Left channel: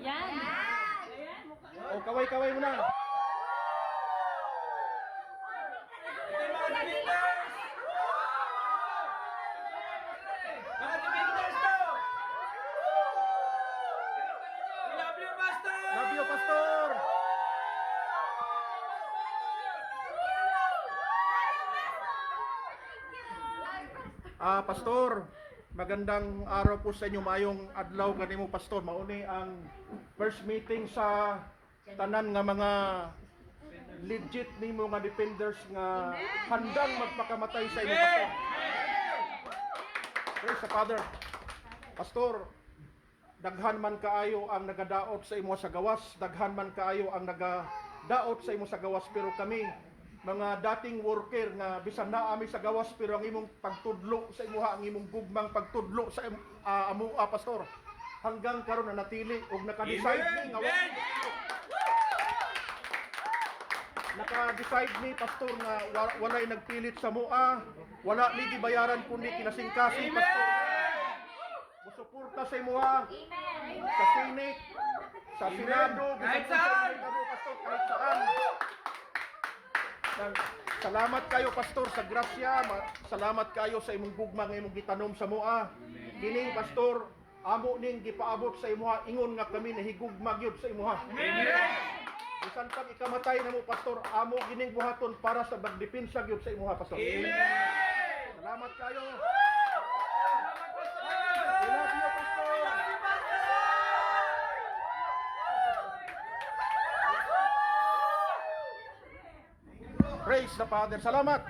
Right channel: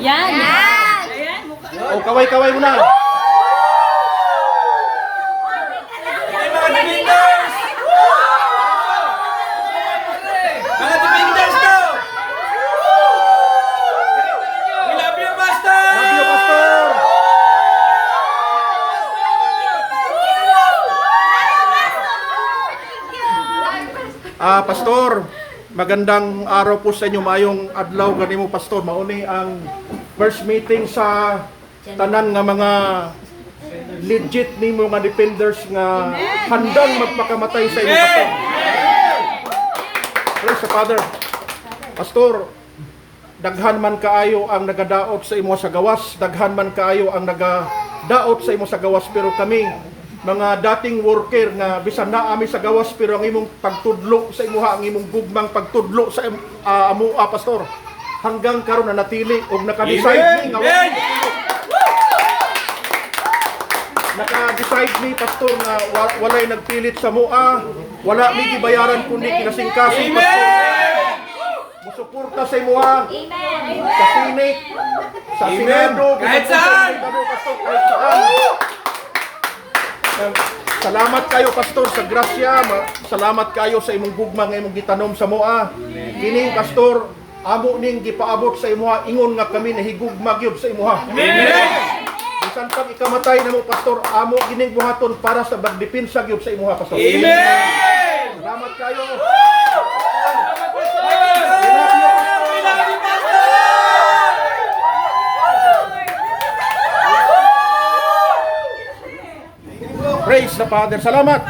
Yan. O, kaway-kaway mo na. Mga defenders! Mga defenders to! We love you, Pastor! Love you, Pastor. Pastor, magandang araw po sa inyo, mayong adlaw ganimo Pastor. Mauni ang first meeting sa tanan nga mga legit nimo nga defenders nga handang magpakamatay sa inyo Pastor. Praise the Father. Pastor, daghan man kaayo ang nagadaot sa imo sa gawas, daghan man kaayo ang nagadaot sa imo sa gawas, pero kami mga dating worker nga bisan na ami sa gawas, pero ang imong pagtudlo sa imuha, ang imong gugmang pagtudlo sa amua Pastor, hanggang karon na natili og naka-decide ni nga naka-decide ni Pastor nga walay nagpilit sa mua, wala mi gibayaran kundi kinasingkasing Pastor. Musuporta sa imuha sa Senate, sa Senado, Kahit saan! Pastor, kahit saan. Salamat kayo Pastor sa grasya, salamat kayo sa imong gugma nga imong gitanom sa moa. Kini Pastor, amo ning gipaabot sa imuha, ingon nga kami nahigugma gyud sa imuha. Amen! Bisan pag ikamatay namo Pastor, amo kining buhaton para sa pagdepensa gyud sa imuha Pastor. Amen! Salamat kayo. Praise the Father. Salamat.